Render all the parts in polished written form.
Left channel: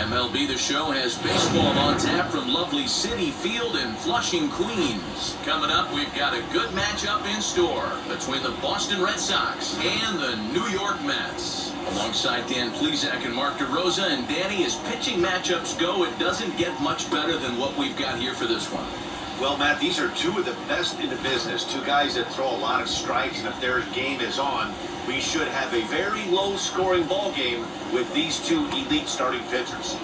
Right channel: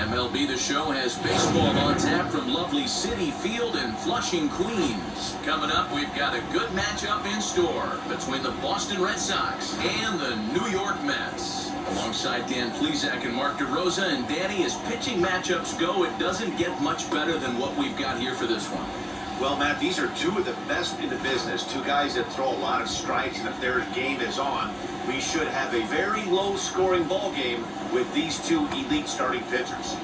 MLB The Show has baseball on tap from lovely Citi Field in Flushing, Queens. Coming up, we've got a good matchup in store between the Boston Red Sox and the New York Mets. Alongside Dan Plesac and Mark DeRosa, and Danny, as pitching matchups go, it doesn't get much better than what we've got here for this one. Well, Matt, these are two of the best in the business. Two guys that throw a lot of strikes, and if their game is on, we should have a very low-scoring ball game with these two elite starting pitchers.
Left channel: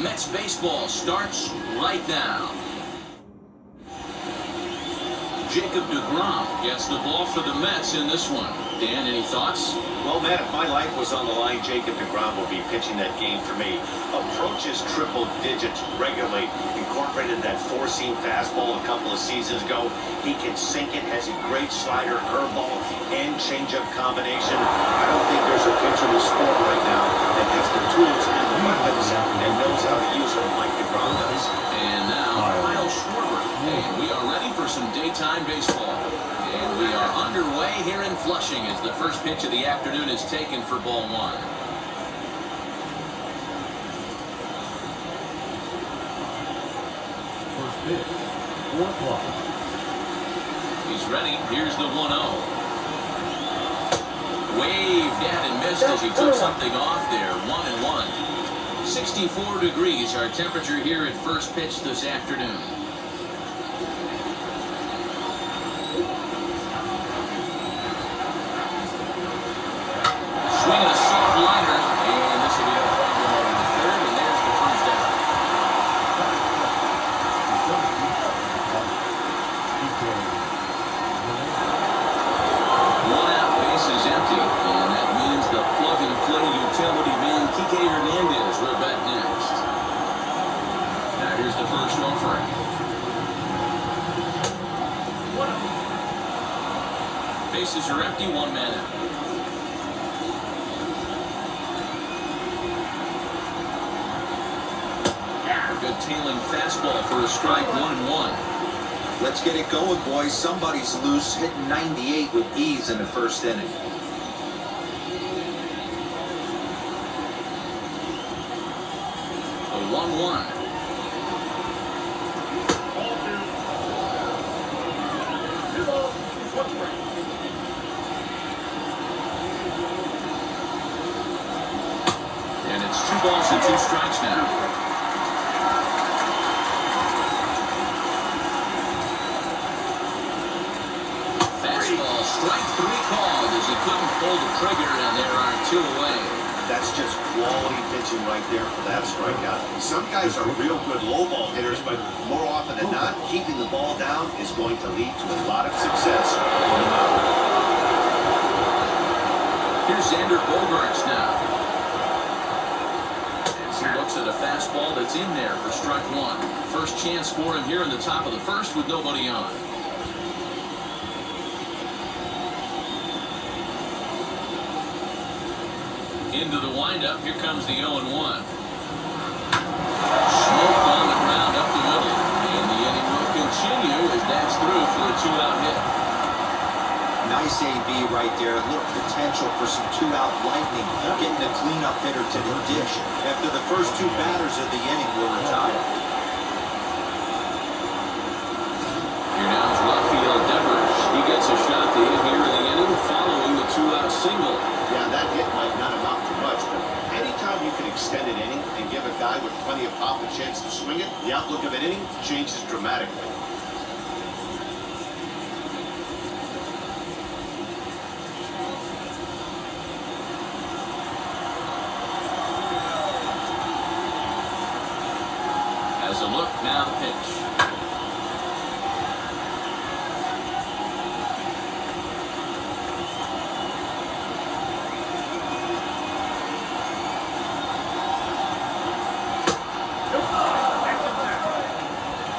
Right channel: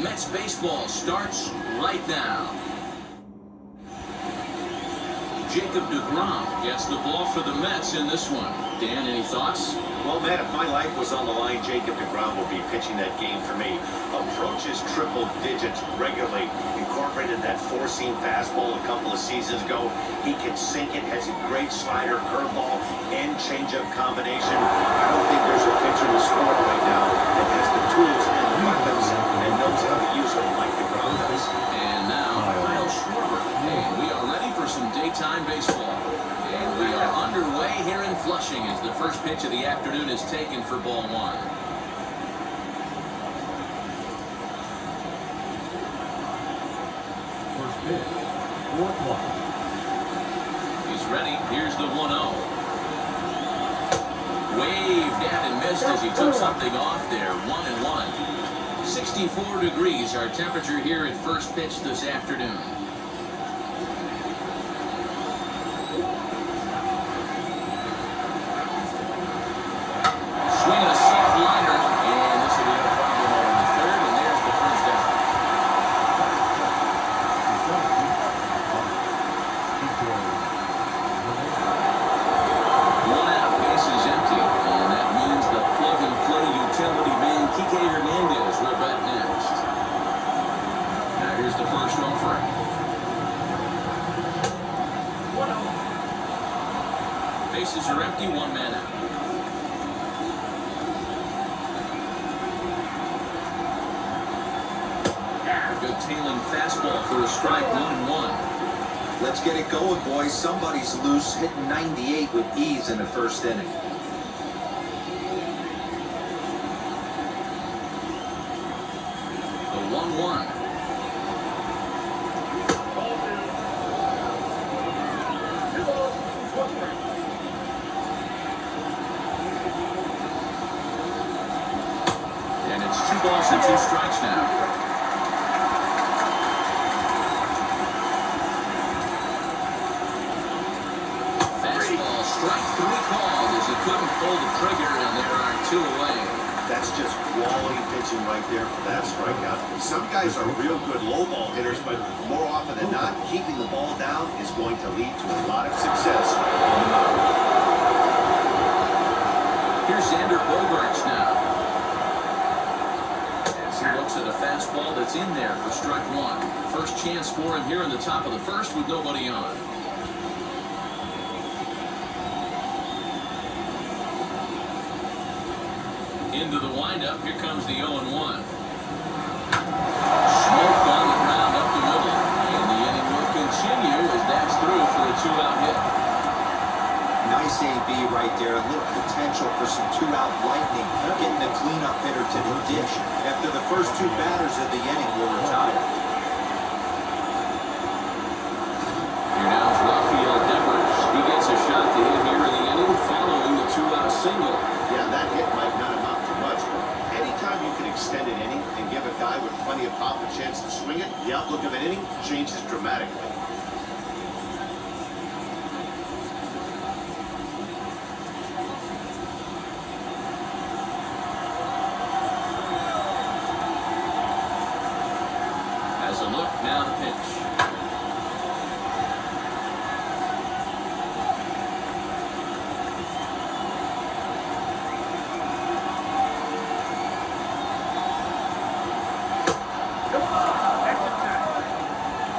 Mets baseball starts right now. Jacob deGrom gets the ball for the Mets in this one. Dan, any thoughts? Well, Matt, if my life was on the line, Jacob deGrom will be pitching that game for me. Approaches triple digits regularly. Incorporated that four-seam fastball a couple of seasons ago. He can sink it, has a great slider, curveball, and changeup combination. I don't think there's a pitcher in the sport right now that has the tools and the weapons and knows how to use them like deGrom does. And now, Kyle Schwarber. And we are ready for some daytime baseball. And we are underway here in Flushing as the first pitch of the afternoon is taken for ball one. First pitch, 4 o'clock. He's ready. Here's the 1-0. Waved at and missed as he took something off there. 1-1. 64 degrees our temperature here at first pitch this afternoon. Swinging a soft liner, and this will be a problem over the third, and there's the first out. One out, base is empty, and that means the plug-and-play utility man, Kike Hernandez, we're back next. Now here's the first offering. 1-0. Bases are empty, one man out. Good tailing fastball for a strike, 1-1. Let's get it going, boys. Somebody's loose, hitting 98 with ease in the first inning. The 1-1. And it's 2 balls and 2 strikes now. Strike 3 called as he couldn't pull the trigger, and there are 2 away. That's just quality pitching right there for that strikeout. Some guys are real good low ball hitters, but more often than not, keeping the ball down is going to lead to a lot of success on the mound. Here's Xander Bogaerts now. As he looks at a fastball that's in there for strike 1. First chance for him here in the top of the first with nobody on. Into the windup, here comes the 0-1. Smoked on the ground up the middle, and the inning will continue as that's through for a 2-out hit. Nice AB right there. A little potential for some 2-out lightning. Getting a cleanup hitter to the dish after the first 2 batters of the inning will retire. Here now is Rafael Devers. He gets a shot to hit here in the inning following the 2-out single. Yeah, that hit might not amount to much, but anytime you can extend an inning and give a guy with plenty of pop a chance to swing it, the outlook of an inning changes dramatically. As a look, now the pitch.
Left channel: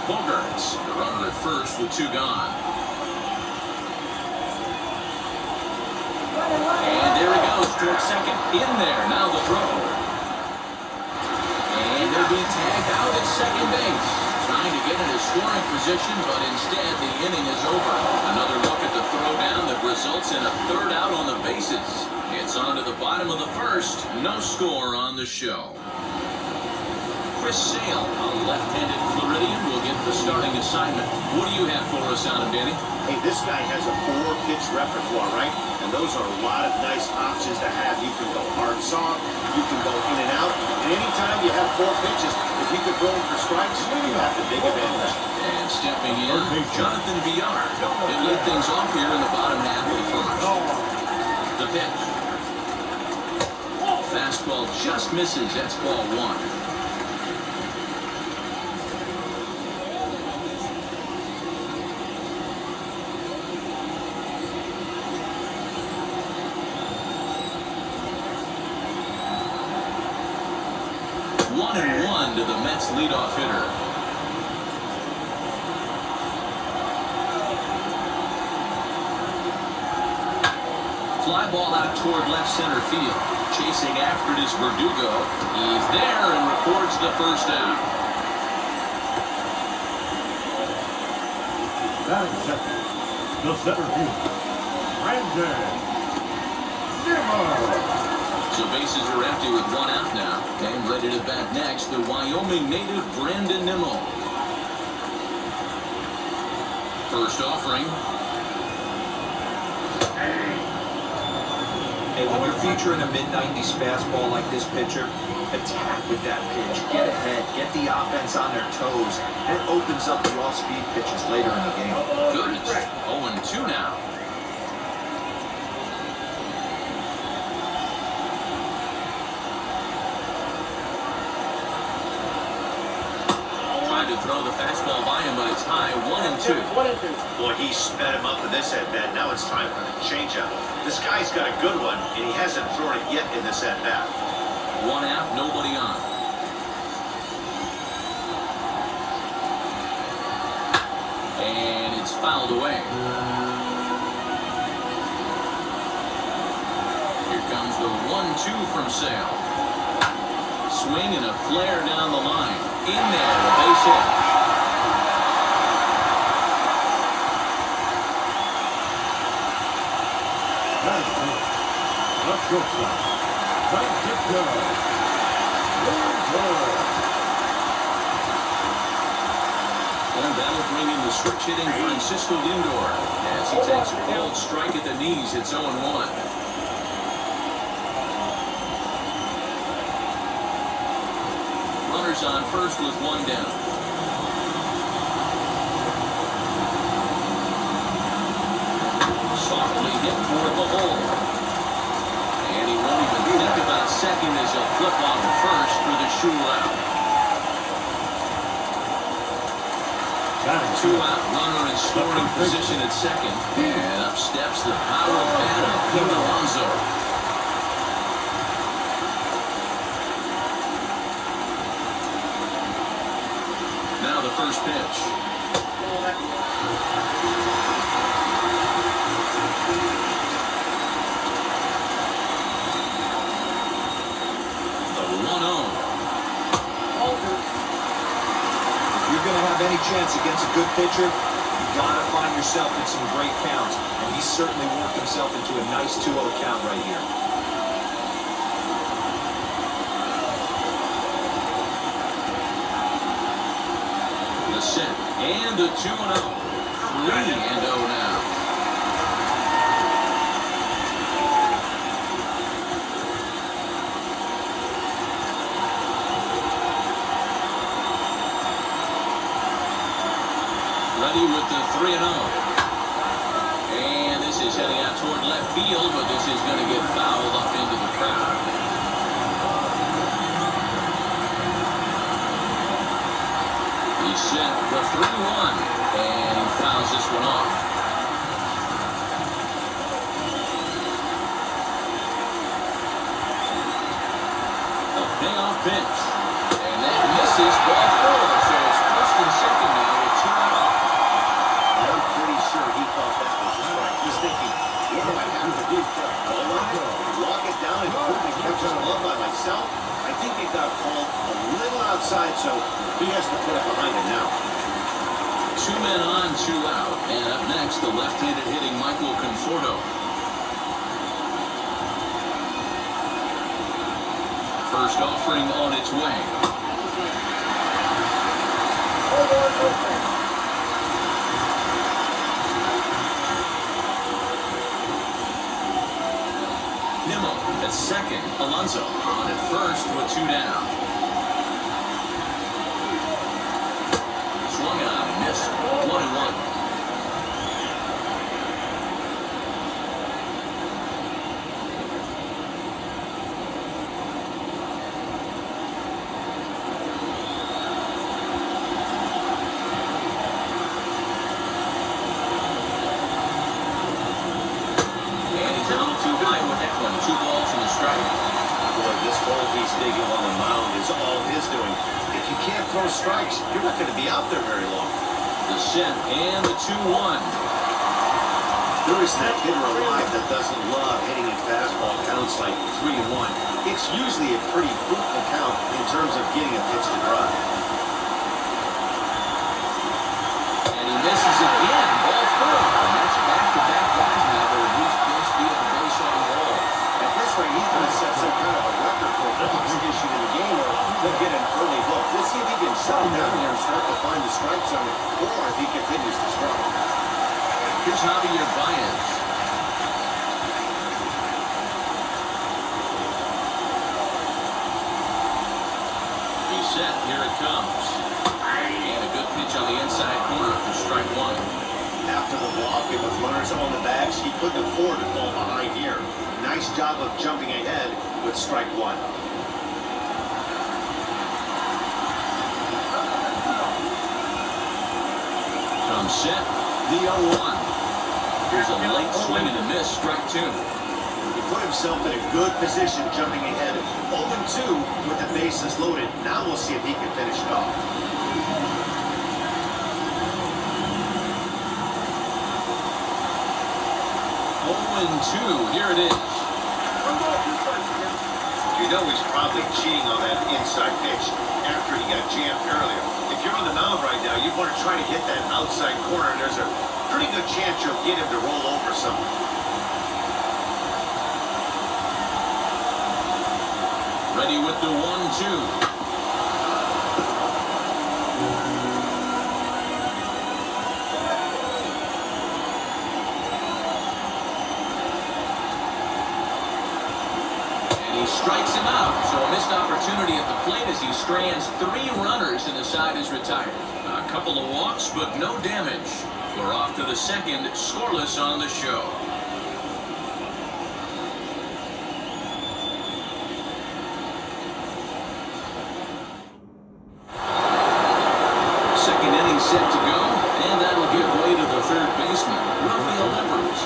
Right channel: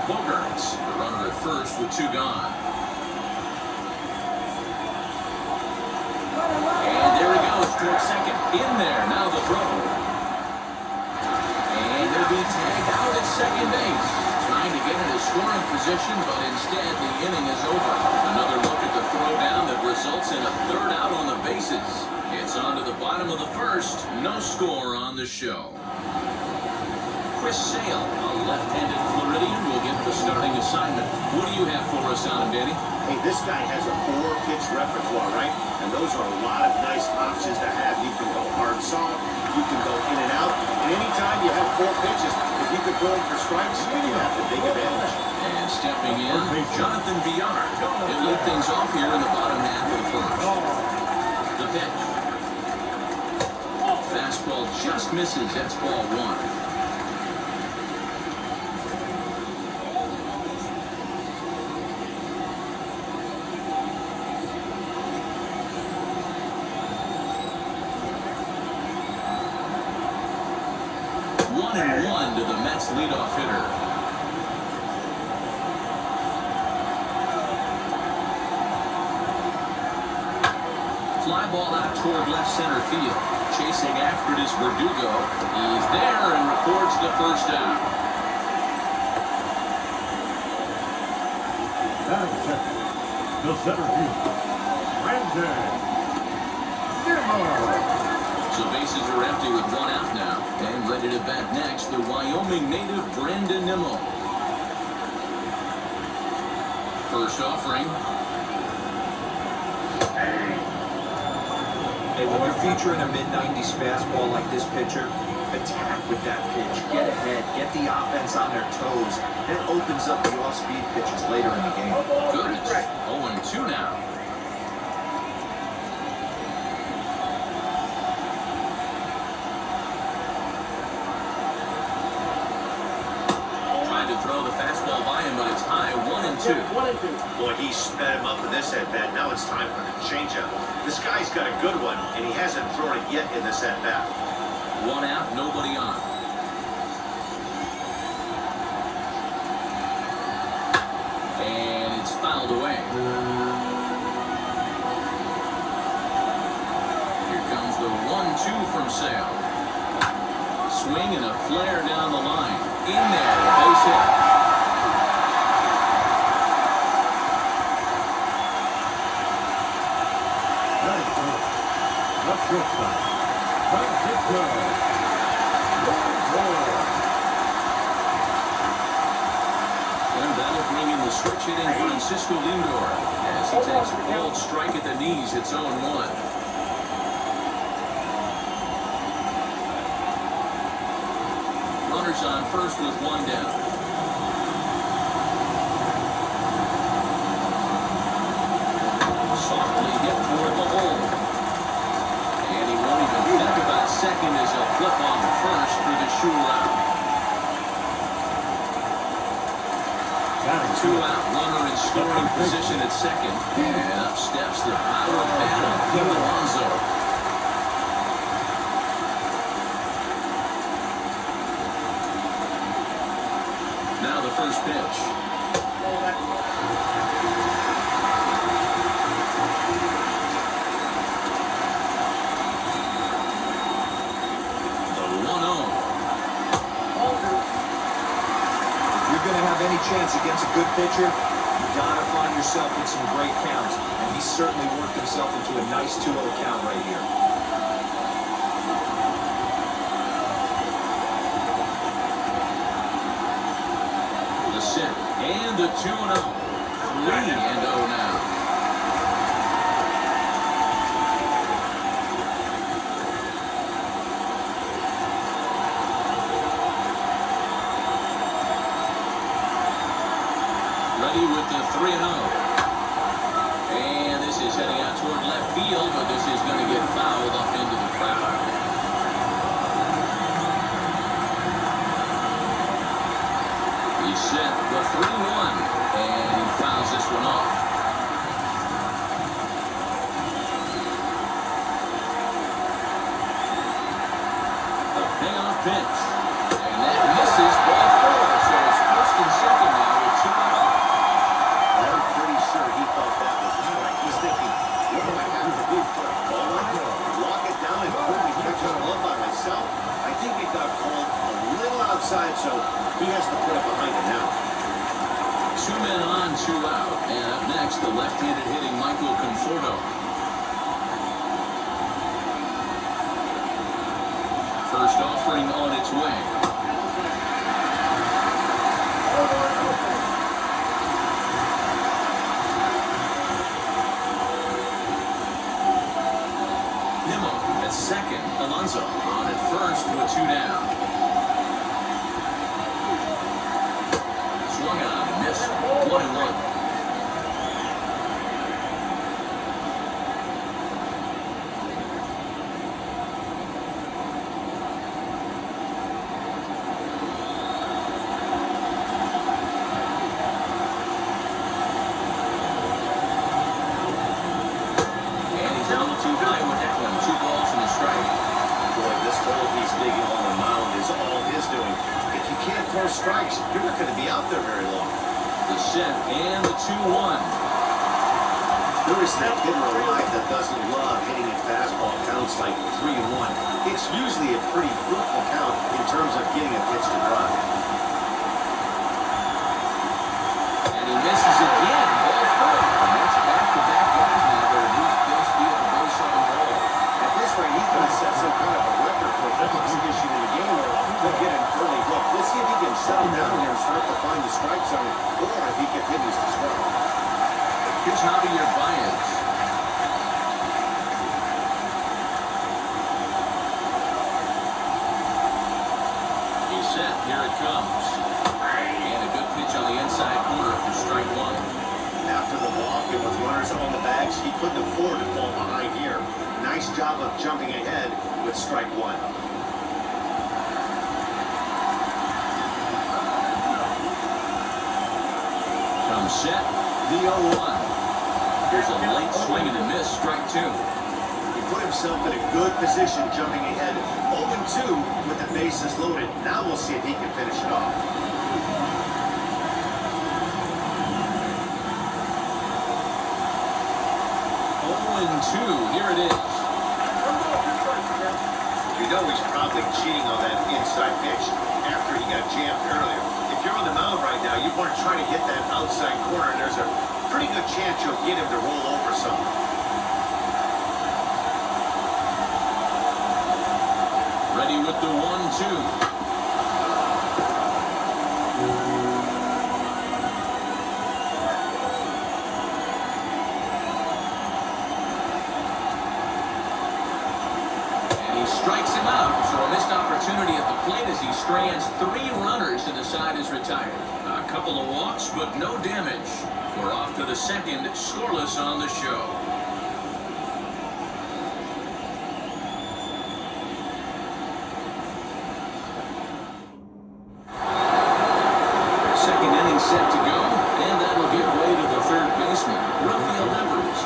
Bogaerts, the runner at first with 2 gone. And there he goes towards second. In there, now the throw. And they'll be tagged out at second base. Trying to get into scoring position, but instead the inning is over. Another look at the throwdown that results in a 3rd out on the bases. It's on to the bottom of the first. No score on the show. Chris Sale, a left-handed Floridian, will get the starting assignment. What do you have for us on him, Danny? Hey, this guy has a 4-pitch repertoire, right? And those are a lot of nice options to have. You can go hard soft, you can go in and out. And anytime you have 4 pitches, if you could throw them for strikes, you have the big advantage. And stepping in, Jonathan Villar. He'll lead things off here in the bottom half of the first. The pitch. Fastball just misses. That's ball 1. One and one to the Mets leadoff hitter. Fly ball out toward left center field. Chasing after it is Verdugo. He's there and records the first out. Batting second, the center fielder, Brandon Nimmo. So bases are empty with 1 out now. And ready to bat next, the Wyoming native Brandon Nimmo. First offering. Hey, when you're featuring a mid-90s fastball like this pitcher, attack with that pitch. Get ahead. Get the offense on their toes. That opens up the off-speed pitches later in the game. Goodness. 0-2 now. To throw the fastball by him, but it's high. 1-2. Boy, he sped him up in this at-bat. Now it's time for the changeup. This guy's got a good one, and he hasn't thrown it yet in this at-bat. 1 out, nobody on. And it's fouled away. Here comes the 1-2 from Sale. Swing and a flare down the line. In there, a base hit. The shortstop, And that'll bring in the switch hitting Francisco Lindor as he takes a cold strike at the knees. It's 0-1. Runners on first with 1 down. Softly hit toward the hole. And he won't even think about second as he'll flip on the first for the sure out. 2 out, runner in scoring position at second. And up steps the power bat of Pete Alonso. Now the first pitch. The 1-0. If you're going to have any chance against a good pitcher, you got to find yourself in some great counts. And he's certainly worked himself into a nice 2-0 count right here. And the 2-0. 3-0 now. Ready with the 3-0. And this is heading out toward left field, but this is going to get fouled up into the crowd. He set the 3-1, and he fouls this one off. A payoff pitch, and that misses ball 4, so it's first and second now with 2 out. I'm pretty sure he thought that was a strike. He's thinking, what do I have to do? Go on, lock it down and quickly catch his glove by myself? I think it got called a little outside, so he has to put it behind him now. 2 men on, 2 out. And up next, the left-handed hitting Michael Conforto. First offering on its way. Nimmo at second. Alonso on at first with 2 down. Swung on and missed. 1-1. Throw strikes, you're not going to be out there very long. The set and the 2-1. There is that hitter alive that doesn't love hitting a fastball counts like 3-1. It's usually a pretty fruitful count in terms of getting a pitch to drive. And he misses again. Ball 4. And that's back-to-back guys now that have reached this via the base on the ball. At this rate, he's going to set some kind of a record for walks issued in the game, or he'll get an early hook. We'll see if he can settle down here and start to find the strike zone, or if he continues to struggle. Here's Javier Baez. He's set. Here it comes. And a good pitch on the inside corner for strike 1. After the walk and with runners on the bags, he couldn't afford to fall behind here. Nice job of jumping ahead with strike 1. Comes set. The 0-1. Here's a late swing and a miss. Strike 2. He put himself in a good position jumping ahead 0-2 with the bases loaded. Now we'll see if he can finish it off. 0-2. Here it is. You know he's probably cheating on that inside pitch after he got jammed earlier. If you're on the mound right now, you want to try to hit that outside corner, and there's a pretty good chance you'll get him to roll over some. Ready with the 1-2. Strikes him out, so a missed opportunity at the plate as he strands 3 runners and the side is retired. A couple of walks, but no damage. We're off to the second, scoreless on the show. Second inning set to go, and that'll give way to the third baseman, Rafael Devers.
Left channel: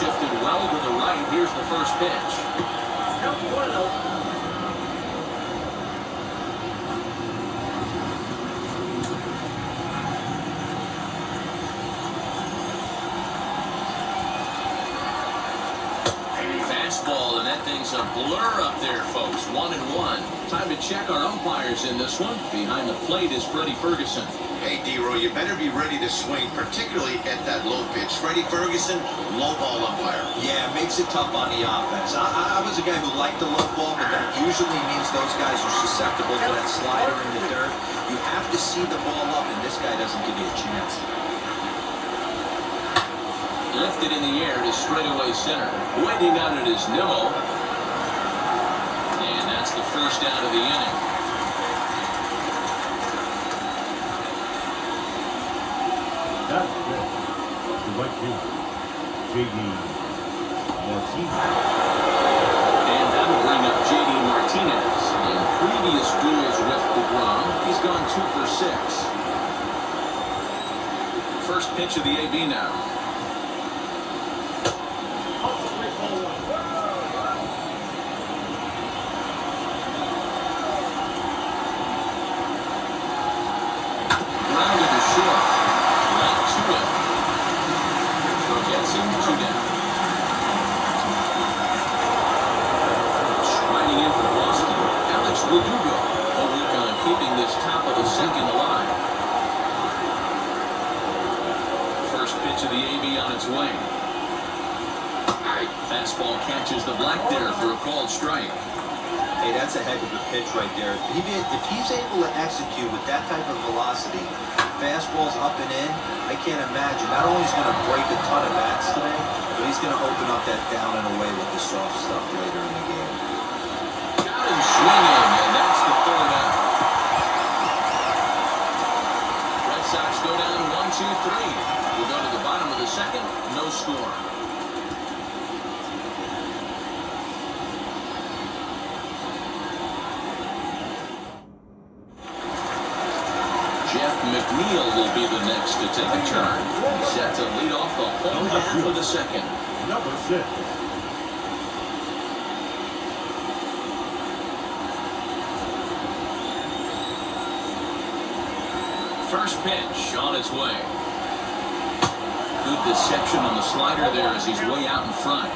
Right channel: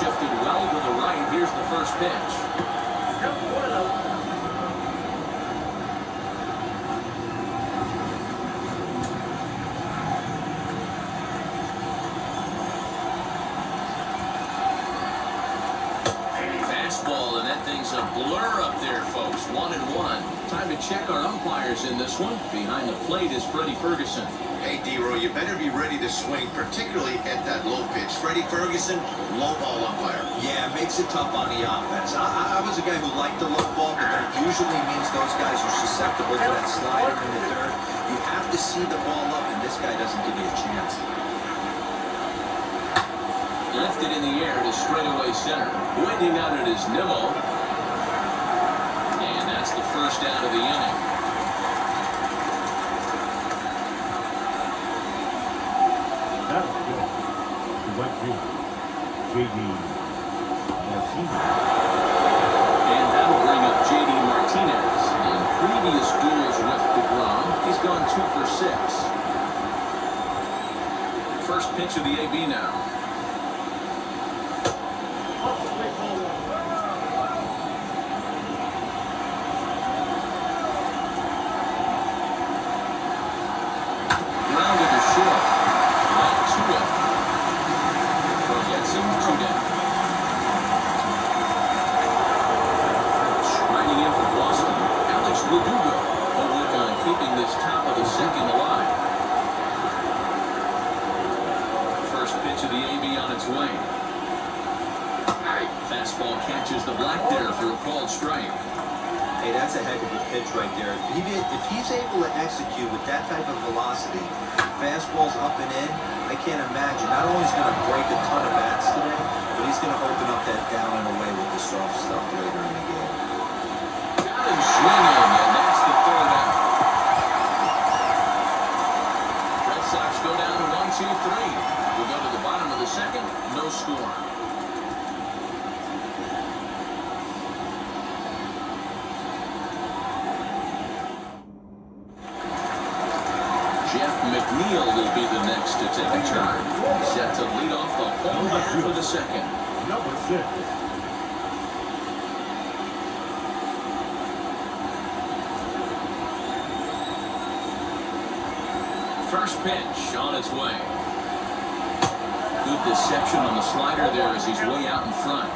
Shifted well to the right. Here's the first pitch. Fastball, and that thing's a blur up there, folks. 1-1. Time to check our umpires in this one. Behind the plate is Freddie Ferguson. Hey, D-Roy, you better be ready to swing, particularly at that low pitch. Freddie Ferguson, low ball umpire. Yeah, it makes it tough on the offense. I was a guy who liked the low ball, but that usually means those guys are susceptible to that slider in the dirt. You have to see the ball up, and this guy doesn't give you a chance. Lifted in the air to straightaway center. Waiting on it is Nimmo. And that's the first out of the inning. That's good. The right fielder, J.D. Martinez. And that'll bring up J.D. Martinez. In previous duels with DeGrom, he's gone 2 for 6. First pitch of the AB now. Grounded to short. Right to it. Throw gets him 2 down. Riding in for Boston, Alex Verdugo will work on keeping this top of the second alive. First pitch of the AB on its way. strike. Fastball catches the black there for a called strike. Hey, that's a heck of a pitch right there. If he's able to execute with that type of velocity, fastballs up and in, I can't imagine. Not only is he going to break a ton of bats today, but he's going to open up that down and away with the soft stuff later in the game. Got him swinging, and that's the third out. Red Sox go down 1-2-3. We'll go to the bottom of the second, no score. Jeff McNeil will be the next to take a turn. He's set to lead off the whole half of the second. Number 6. First pitch on its way. Good deception on the slider there as he's way out in front.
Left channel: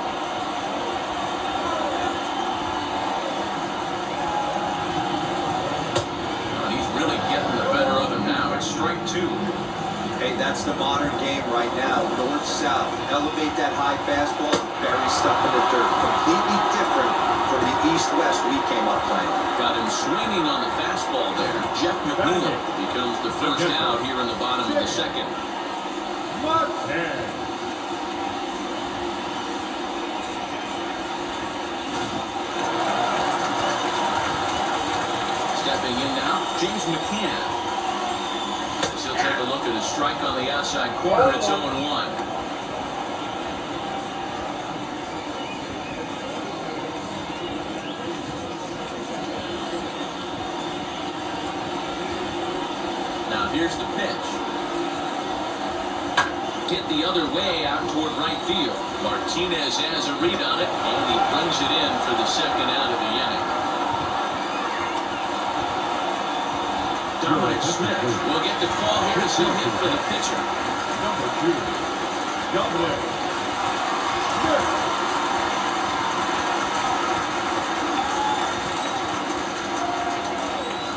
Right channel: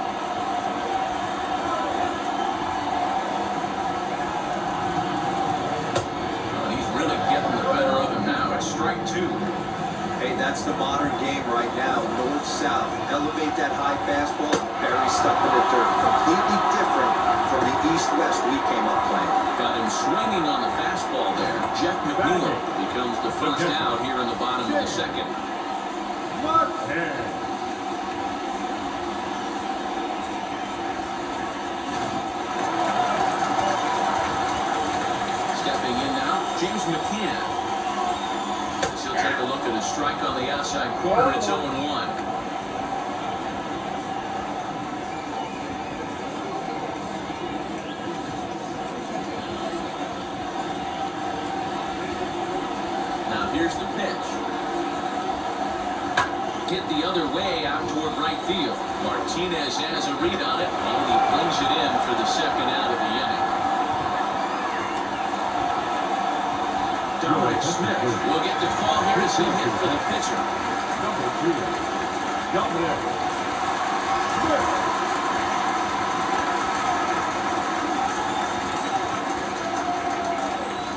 And he's really getting the better of him now. It's strike 2. Hey, that's the modern game right now. North-south. Elevate that high fastball, bury stuff in the dirt. Completely different from the east-west we came up playing. Got him swinging on the fastball there. Jeff McNeil becomes the first out here in the bottom of the second. Stepping in now, James McCann. As he'll take a look at a strike on the outside corner. It's 0-1. Now here's the pitch. Hit the other way out toward right field. Martinez has a read on it, and he brings it in for the second out of the inning. Dominic Smith will get the call here as he hit for the pitcher. Number 2. Dominic Smith.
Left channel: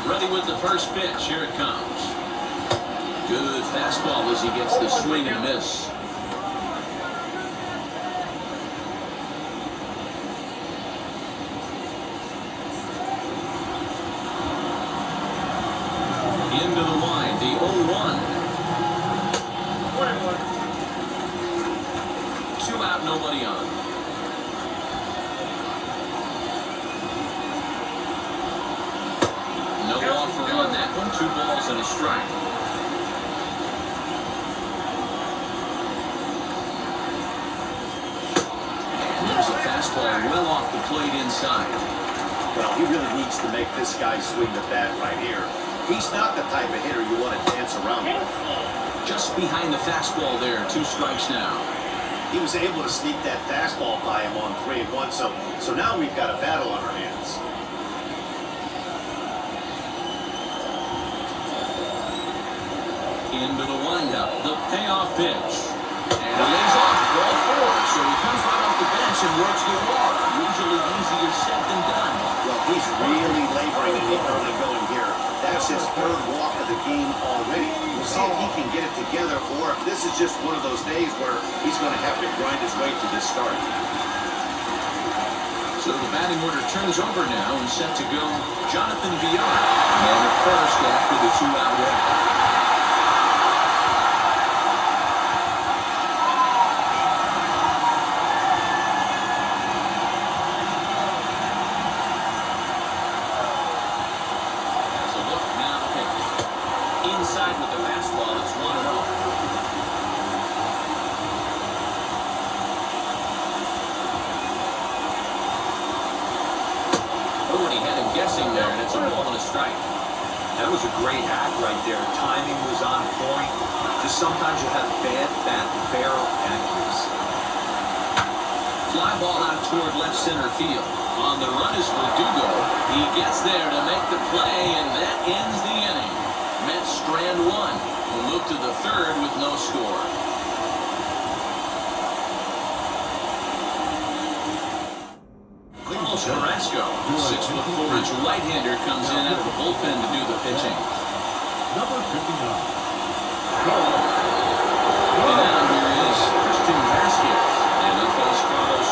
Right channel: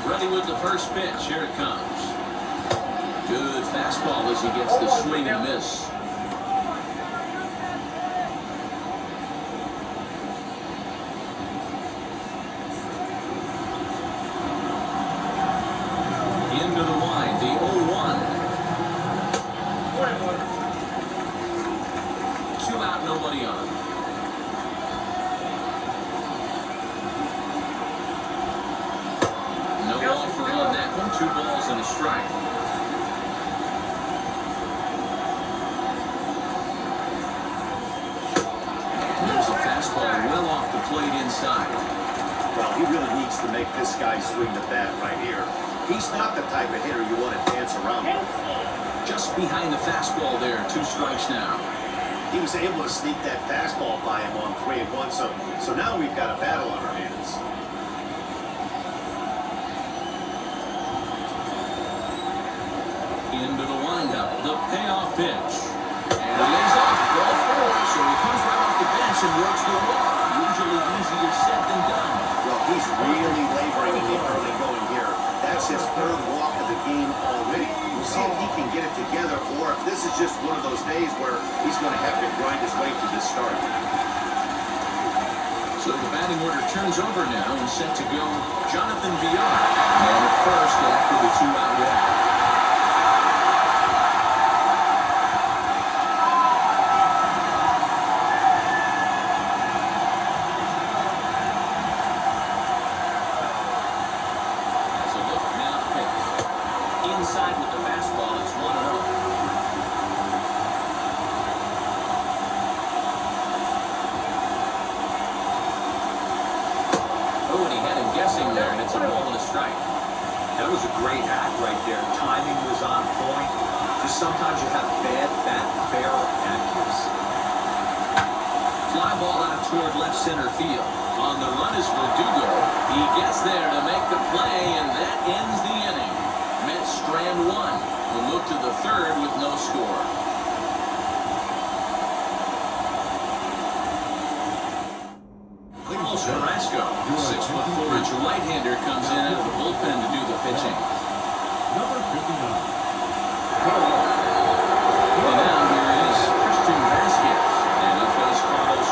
Ready with the first pitch. Here it comes. Good fastball as he gets the swing and miss. Into the line, the 0-1. 2 out, nobody on. No offer on that one. 2 balls and a strike. And there's a fastball well off the plate inside. Well, he really needs to make this guy swing the bat right here. He's not the type of hitter you want to dance around with. Just behind the fastball there. 2 strikes now. He was able to sneak that fastball by him on 3-1, so now we've got a battle on our hands. Into the windup, the payoff pitch. And he lays off ball 4, so he comes right off the bench and works the walk. Usually easier said than done. Well, he's really laboring in the early going here. That's his 3rd walk of the game already. We'll see if he can get it together, or if this is just one of those days where he's going to have to grind his way to this start. So the batting order turns over now and set to go Jonathan Villar. And at first after the 2-out walk. Inside with the fastball, it's 1-0. Oh, and he had him guessing there, and it's a ball and a strike. That was a great hack right there. Timing was on point. Just sometimes you have bad bat barrel accuracy. Fly ball out toward left center field. On the run is Verdugo. He gets there to make the play, and that ends the inning. Mets strand 1. We'll move to the 3rd with no score. Carlos Carrasco, 6'4" right-hander, comes in out of the bullpen to do the pitching. Number 59. And now here is Christian Vasquez. And up goes Carlos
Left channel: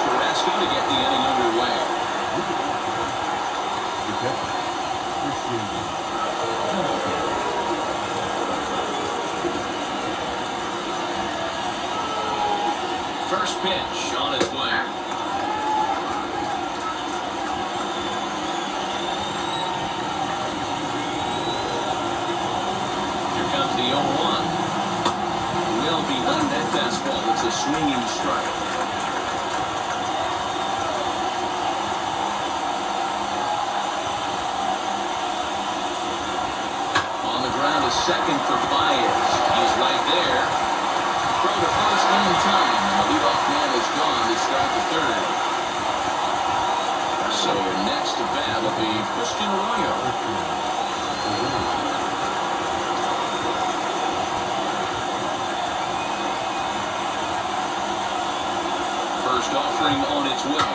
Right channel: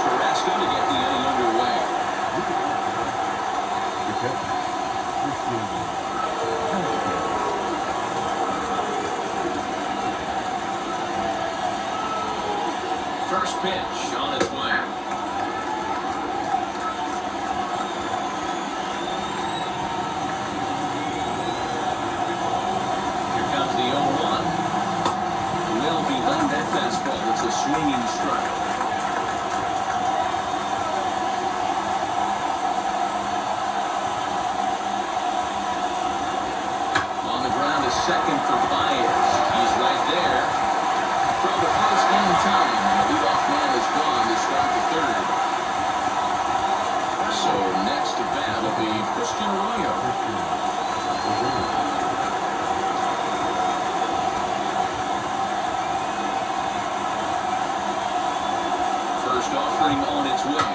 First pitch on its way. Here comes the 0-1. Well behind that fastball. It's a swinging strike. On the ground is second for Baez. He's right there. Throw to first in time, and the leadoff man is gone to start the third. So next to bat will be Christian Arroyo. First offering on its way.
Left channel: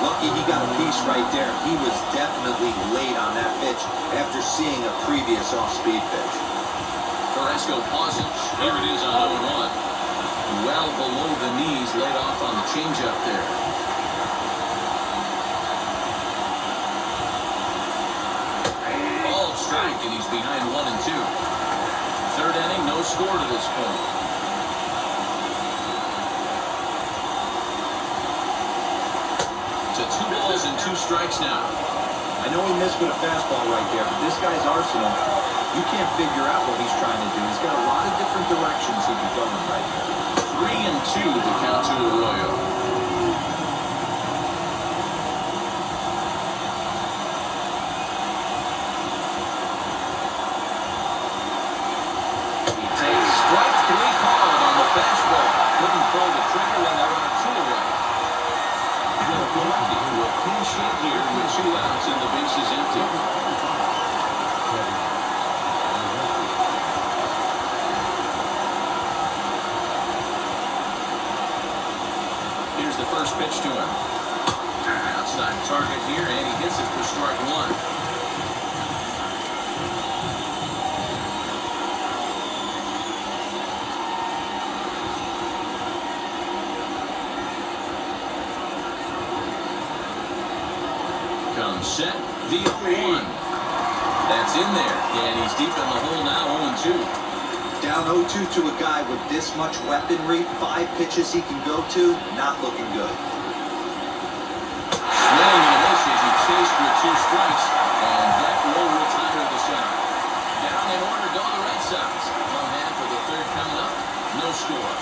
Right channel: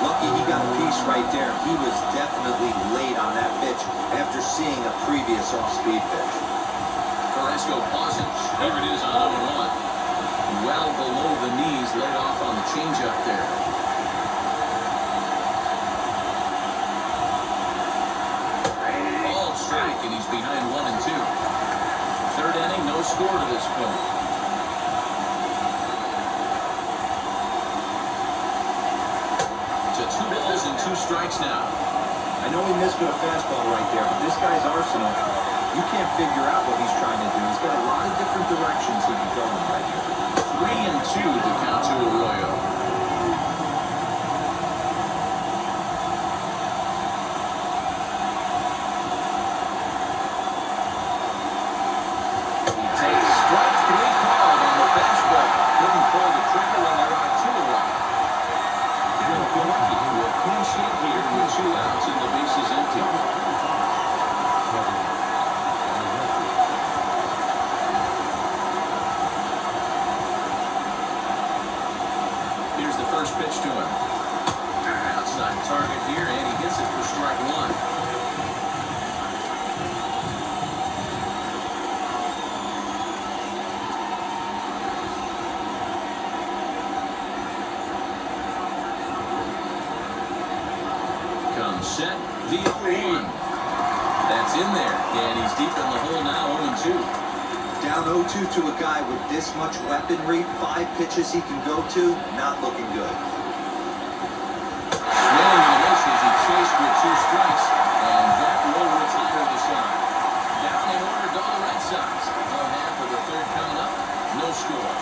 Lucky he got a piece right there. He was definitely late on that pitch after seeing a previous off-speed pitch. Carrasco pauses. Here it is on 0-1. Well below the knees, laid off on the changeup there. Ball strike, and he's behind 1-2. Third inning, no score to this point. To 2 balls and 2 strikes now. I know he missed with a fastball right there, but this guy's arsenal, you can't figure out what he's trying to do. He's got a lot of different directions he can go in right here. 3-2 to count to Arroyo. He takes strike 3 called on the fastball. Couldn't pull the trigger, and they're on 2 away. Milwaukee to a clean sheet here with 2 outs and the bases empty. Here's the first pitch to him. Outside target here, and he hits it for strike 1. Comes set, the 0-1. That's in there, and he's deep in the hole now, 0-2. Down 0-2 to a guy with this much weaponry, 5 pitches he can go to, not looking good. Swinging and a miss as he chased with 2 strikes, and that will retire the side. Down in order go the Red Sox. 1/2 of the third coming up, no score.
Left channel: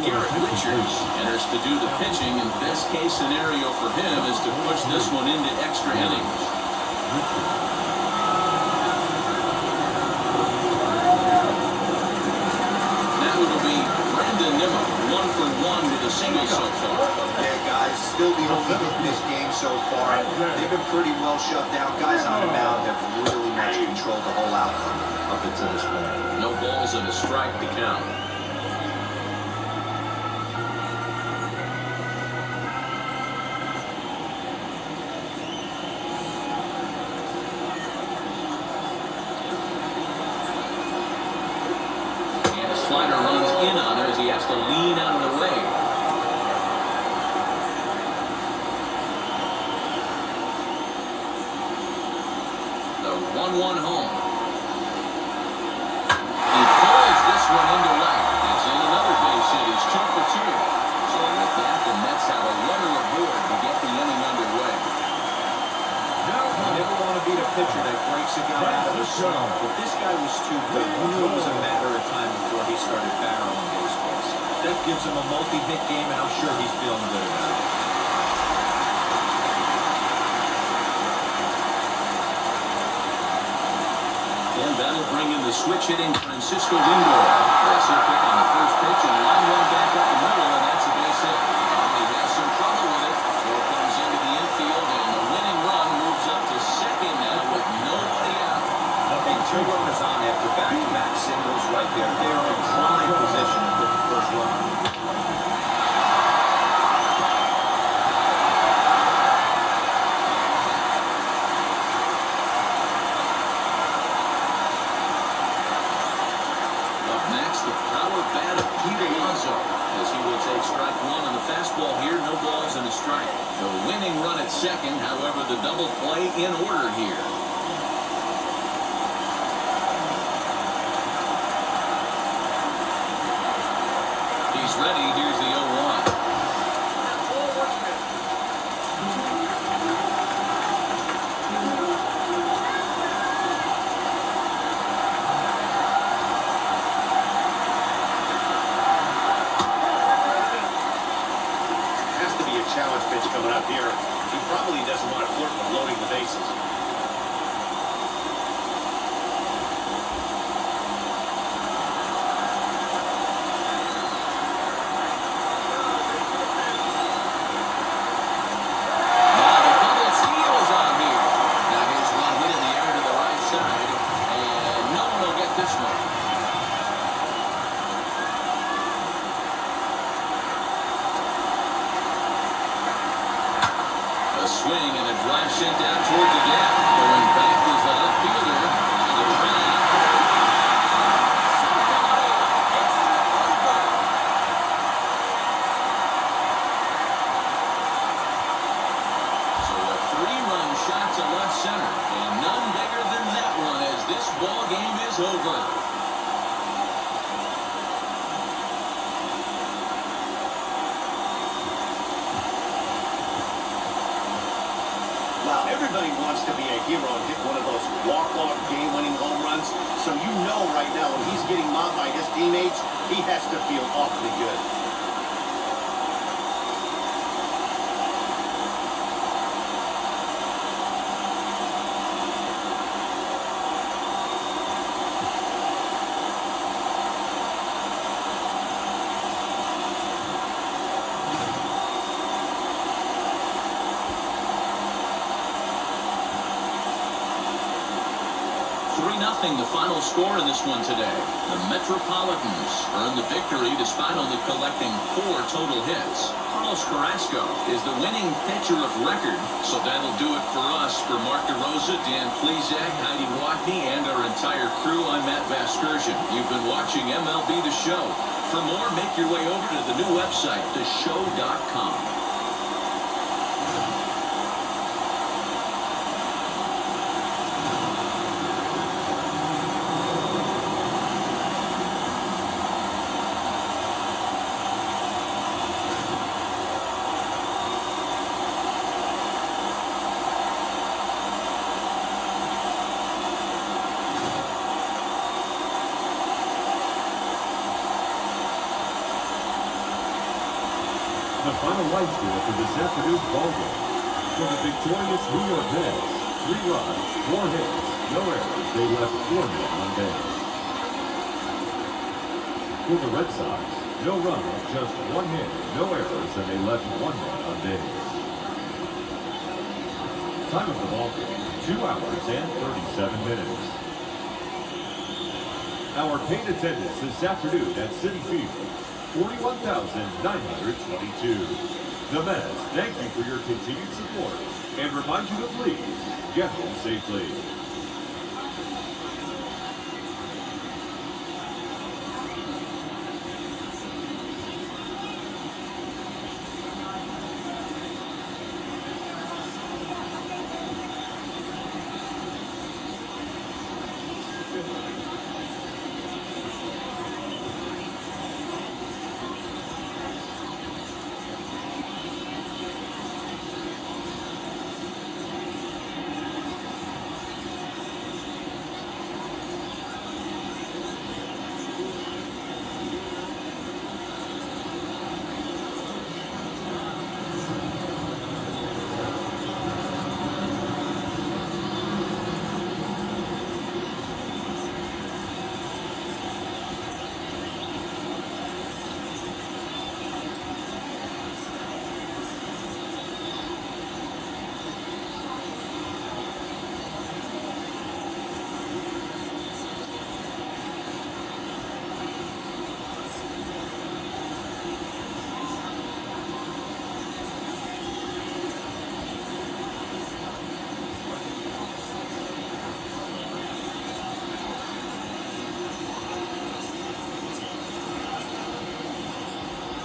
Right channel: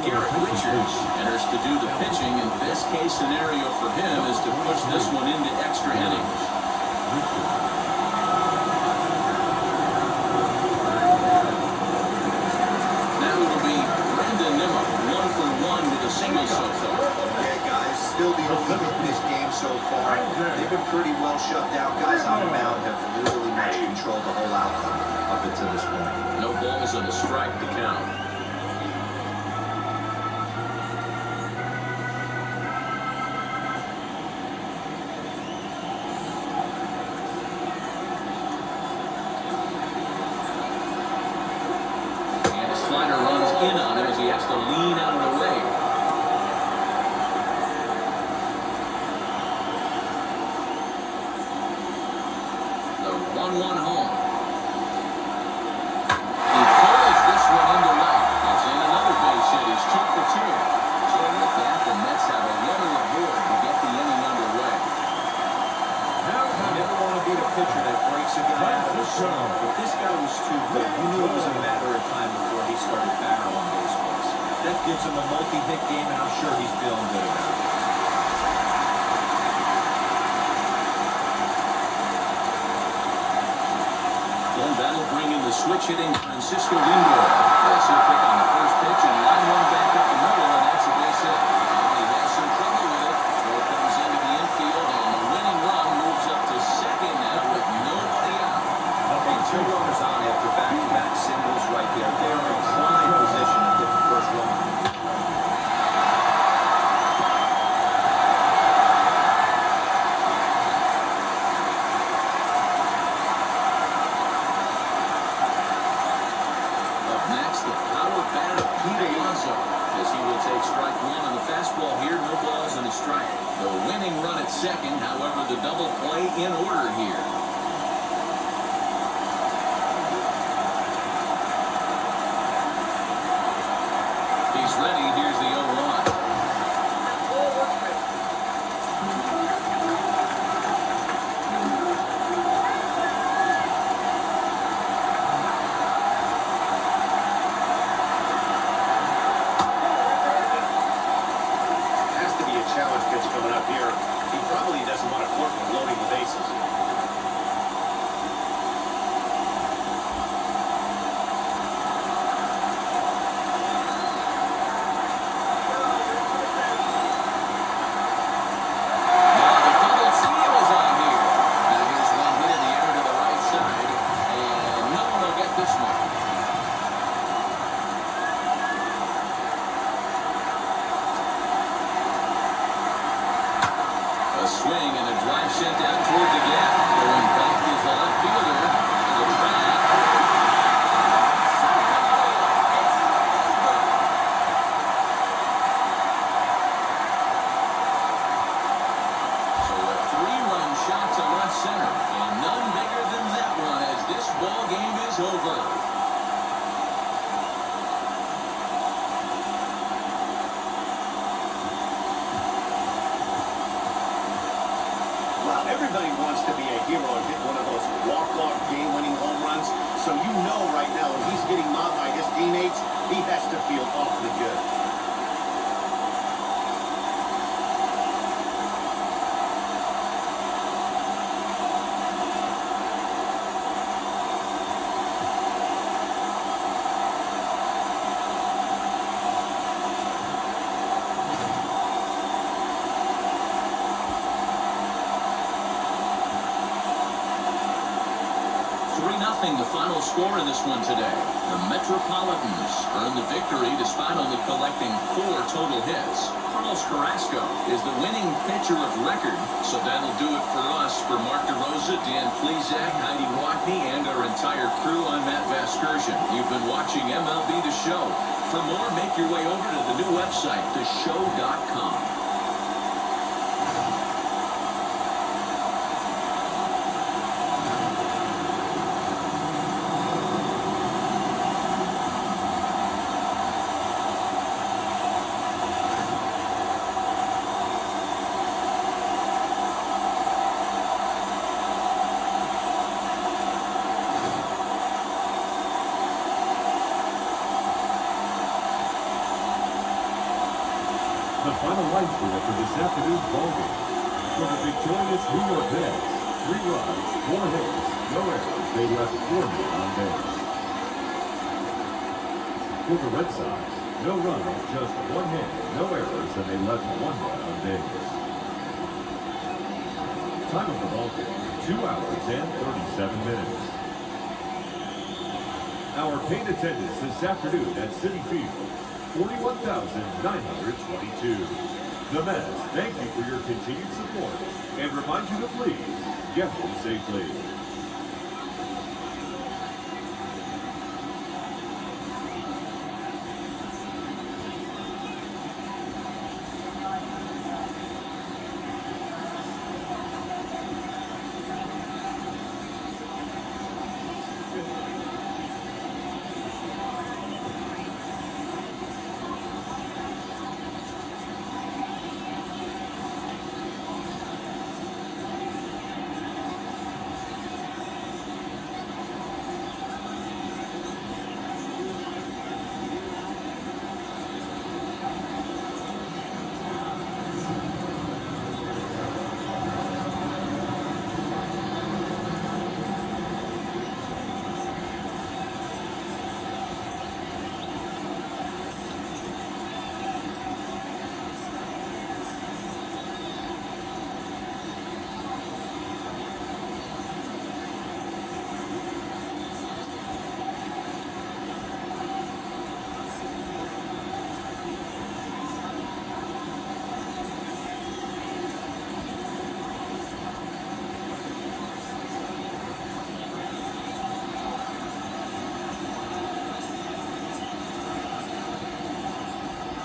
Garrett Richards enters to do the pitching, and best case scenario for him is to push this one into extra innings. Now it'll be Brandon Nimmo, 1 for 1 with a single so far. Yeah, guys, still the only hit in this game so far. They've been pretty well shut down. Guys on the mound have really much controlled the whole outcome up until this point. No balls and a strike to count. Slider runs in on him as he has to lean out of the way. The 1-1 home. He pulls this one into left. It's in another base hit. He's 2 for 2. So with that, the Mets have a runner aboard to get the inning underway. You never want to be the pitcher that breaks a guy out of the zone, but this guy was too good. You knew it was a matter of time before he started barreling baseballs. That gives him a multi-hit game, and I'm sure he's feeling good about it. Then that'll bring in the switch-hitting Francisco Lindor. That's a pick on the first pitch, and line one back up the middle, and that's a base hit. And he has some trouble with it. Throw comes into the infield, and the winning run moves up to second now with nobody out. Okay, 2 runners on after back-to-back singles right there. They are in prime position to put the first run. Up next, the power bat of Pete Alonso, as he will take take strike one on the fastball here. No balls and a strike. The winning run at second. However, the double play in order here. He's ready. Here's the 0-1. Challenge pitch coming up here. He probably doesn't want to flirt with loading the bases. Now the double steal is on here. Now here's one hit in the air to the right side. And no one will get this one. A swing and a drive sent down toward the gap. Going back is the left fielder. To the track. So a three-run shot to left center. And none bigger than that one as this ball game is over. Wow, everybody wants to be a hero and hit one of those walk-off game-winning home runs. So you know right now when he's getting mobbed by his teammates, he has to feel awfully good. The final score in this one today. The Metropolitans earned the victory despite only collecting 4 total hits. Carlos Carrasco is the winning pitcher of record. So that'll do it for us. For Mark DeRosa, Dan Plezak, Heidi Watney, and our entire crew, I'm Matt Vasgersian. You've been watching MLB The Show. For more, make your way over to the new website, theshow.com. The final line score for this afternoon's ballgame. For the victorious New York Mets, 3 runs, 4 hits, no errors. They left 4 men on base. For the Red Sox, no runs, just 1 hit, no errors, and they left 1 man on base. Time of the ballgame, 2 hours and 37 minutes. Our paid attendance this afternoon at Citi Field, 41,922. The Mets thank you for your continued support and remind you to please get home safely.